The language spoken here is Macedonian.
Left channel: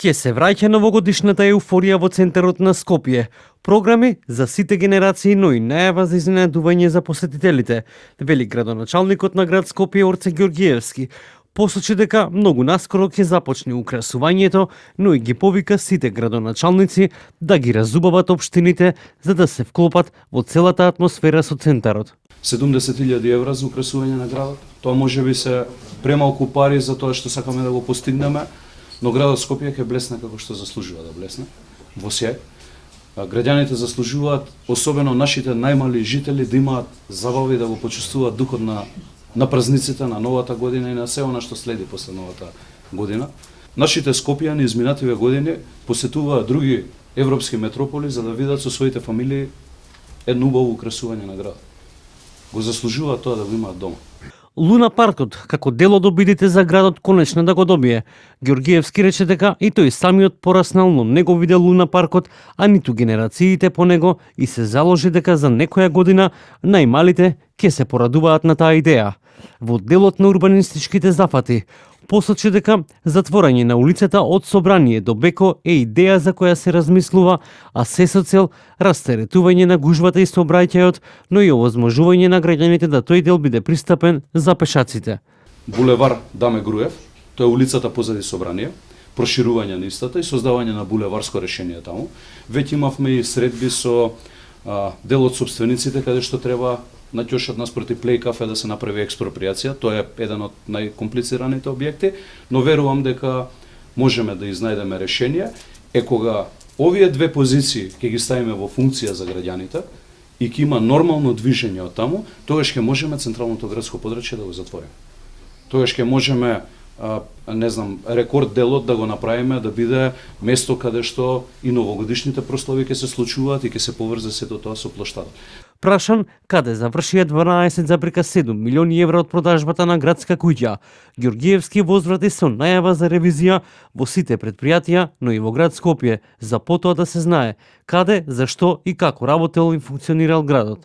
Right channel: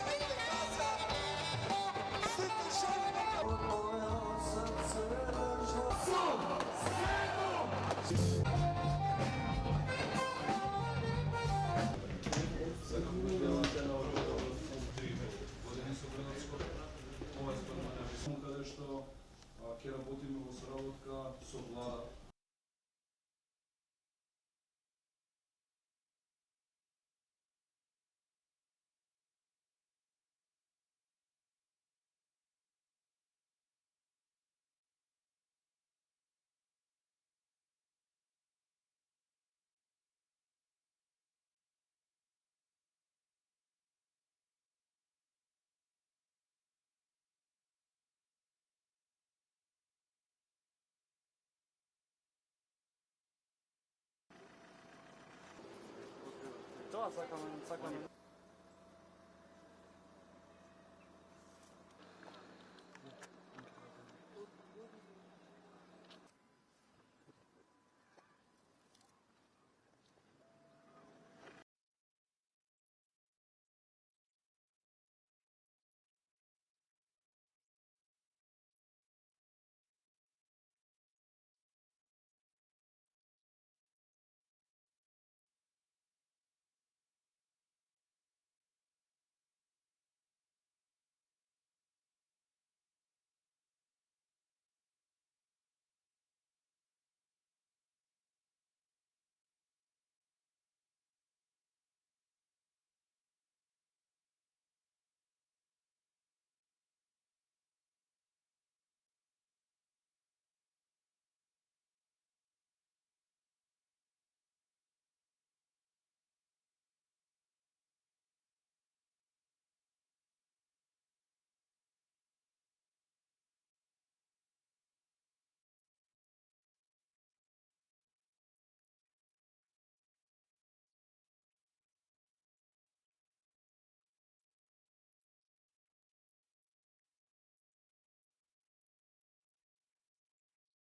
Ке се враќа новогодишната еуфорија во центарот на Скопје. Програми за сите генерации, но и најава за изненадување за посетителите, вели градоначалникот на град Скопје Орце Ѓорѓиевски. Посочи дека многу наскоро ќе започне украсувањето, но и ги повика сите градоначалници да ги разубават општините за да се вклопат во целата атмосфера со центарот. 70.000 евра за украсување на градот. Тоа можеби се премалку пари за тоа што сакаме да го постигнеме, но градот Скопје ќе блесне како што заслужува да блесне, во сјај. Граѓаните заслужуваат, особено нашите најмали жители, да имаат забава и да го почувствуваат духот на празниците, на новата година и на се она што следи после новата година. Нашите скопјани изминативе години посетуваат други европски метрополи за да видат со своите фамилии едно убаво украсување на градот. Го заслужуваат тоа да го имаат дома. Луна паркот, како дел од обидите за градот, конечно да го добие. Ѓорѓиевски рече дека и тој самиот пораснал, но не го виде Луна паркот, а ниту генерациите по него и се заложи дека за некоја година најмалите ќе се порадуваат на таа идеја. Во делот на урбанистичките зафати, посочи дека затворање на улицата од Собрание до Беко е идеја за која се размислува, а се со цел растеретување на гужвата и сообраќајот, но и овозможување на граѓаните да тој дел биде пристапен за пешаците. Булевар Даме Груев, тоа е улицата позади Собрание, проширување на истата и создавање на булеварско решение таму. Веќе имавме и средби со дел од собствениците каде што треба на ќошот наспроти Плей кафе да се направи експроприација. Тоа е еден од најкомплицираните објекти, но верувам дека можеме да изнајдеме решение. Кога овие две позиции ќе ги ставиме во функција за граѓаните и ќе има нормално движење од таму, тогаш ќе можеме централното градско подрачје да го затвориме. Тогаш ќе можеме рекорд делот да го направиме да биде место каде што и новогодишните прослави ќе се случуваат и ќе се поврзе сето тоа со плоштадот. Прашан каде завршија 12,7 милиони евра од продажбата на градска куќа, Ѓорѓиевски возврати со најава за ревизија во сите предпријатија, но и во град Скопје, за потоа да се знае каде, зашто и како работел и функционирал градот.